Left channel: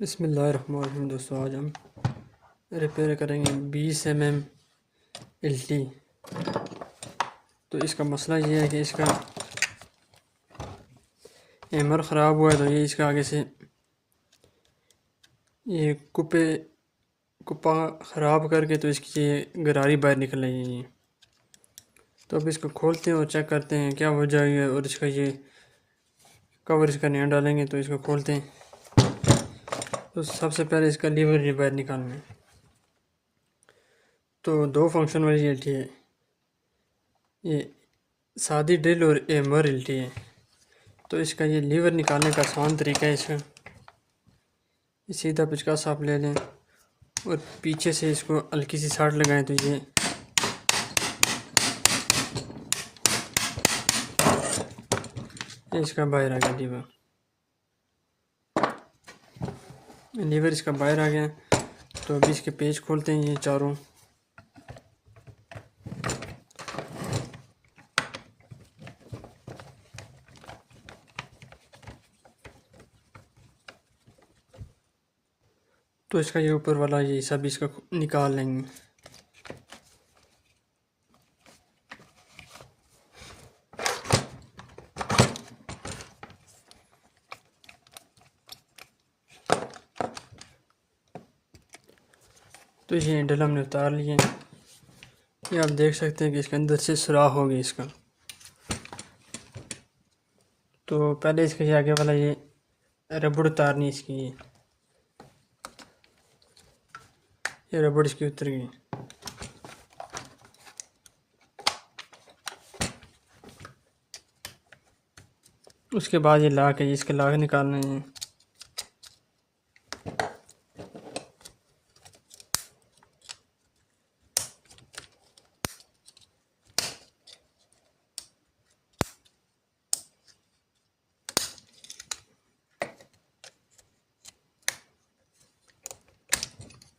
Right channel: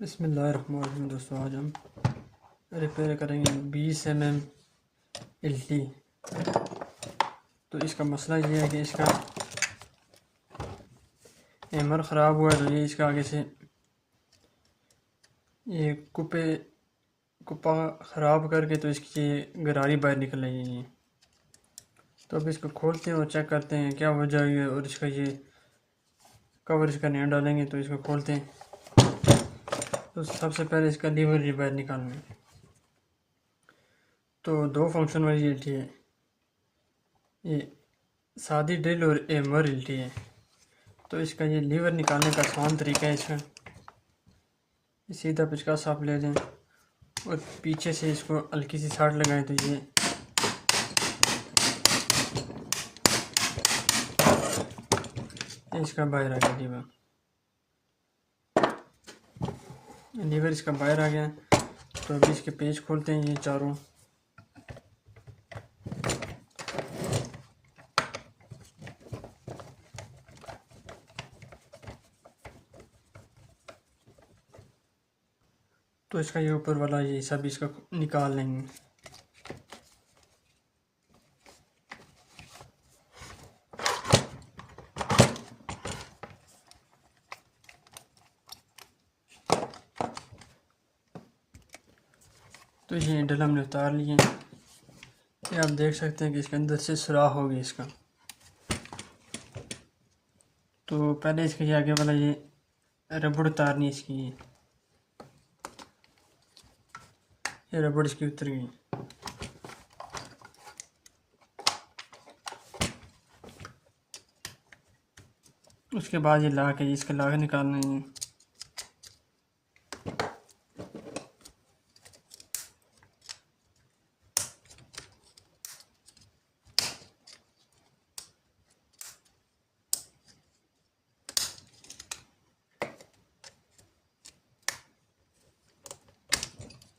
बिस्मिल्लाहिर्रहमानिर्रहीम। दोस्तों, आज हम रिपेयर करेंगे 20 mm हिल्टी। तो इसका मसला ये है कि इसका हैमर ख़राब हुआ है। तो ये इसका आगे से ये कुप्पा ख़राब करके तो इसकी ये गरारी बाहर निकल रही है। ये तो अब इसको खोलते हैं और चेक करते हैं क्या वजह है। और इसका ये कवर इसका नया डालेंगे। तो इसको खोलते हैं। तो सबसे पहले इसका लीवर बाहर निकालना है। तो दो फंक्शन वाली हिल्टी है, ये सादी ड्रिल और हैमर हिल्टी है। तो इसका ये लीवर निकालने का आसान तरीका है। इसका सीधा पिचकास आप ले लें और पीछे से इसको हल्की सी साट लगाएं। तो ये इसका बाहर आ गया लीवर इसका बाहर आ गया। तो अभी इसके पेज खोलते हैं ये चारों। तो इसका ये ऊपर वाला ये सब इसका निकाल लेंगे। तो ये हैंडल हमने उतार लिए। ये आप देख सकते हैं कि इसके अंदर से सुराख हो गई इसका। तो पहले इसका ये आगे वाला ये रबड़ उतारनी इसकी। ये रबड़ इसकी उतर गई। उसके बाद ये लाक है, इसके लाक निकालने हैं।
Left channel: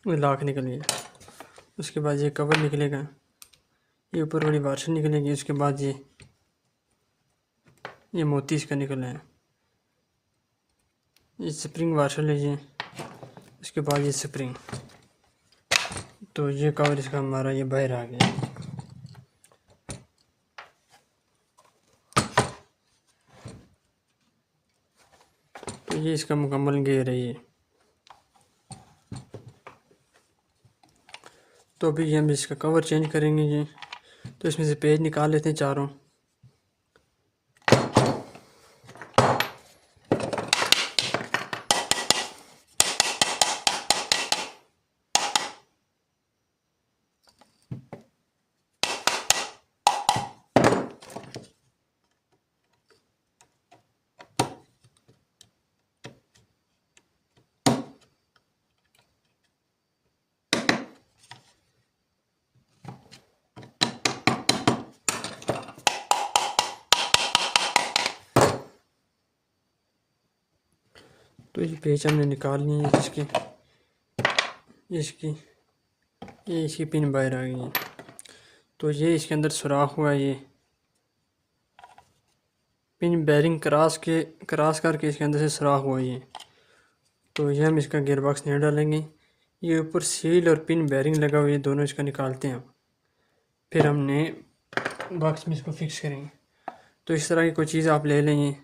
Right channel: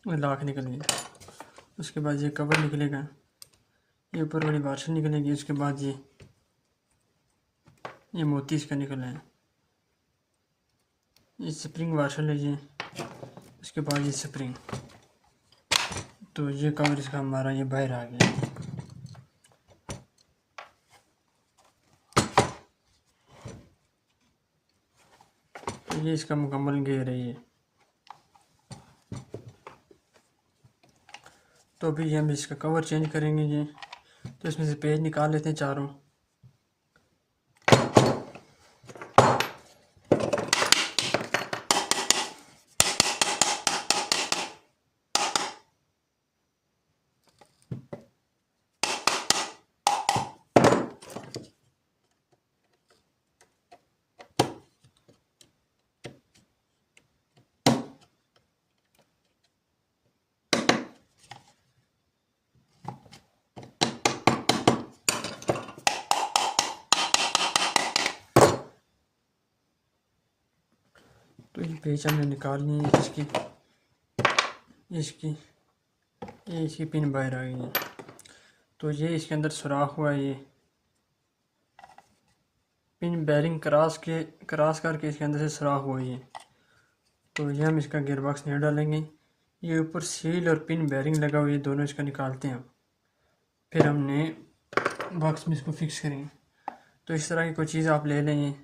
लाख निकल गया। उसके बाद ये कवर निकलेगा, ये ऊपर वाली वाशर निकलेगी। उसके बाद ये मोती इसका निकला है। ये स्प्रिंग वाशर लीजिए। उसके बाद ये स्प्रिंग। तो ये कवर इसका हमारा ये बाहर आ गया। तो ये इसका मुकम्मल गेयर है ये। तो अभी हम इसका कवर चेंज करेंगे ये। तो इसमें से पेज निकाल लेते हैं चारों। तो ये पेज हमने निकाल लिए हैं इसकी पिन बाहर आ गई है। तो ये इसके अंदर सुराख हुआ है। ये पिन बेरिंग क्रॉस करके इसके अंदर से सुराख हुआ है ये। तो ये हम इसका गियर बॉक्स नहीं डालेंगे। ये ऊपर सील और पिन बेरिंग लगा हुआ है, दोनों इसका निकालते हैं। फिर हमने बॉक्स में इसको फिक्स करेंगे। तो इस तरह की कोई चीज़ आप ले लेंगे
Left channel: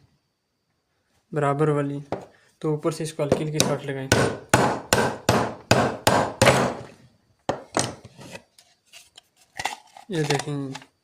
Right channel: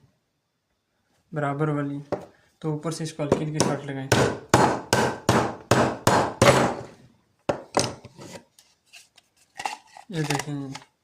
बराबर वाली। तो ऊपर से इसको हल्की हल्की साट लगाएं। ये देखें।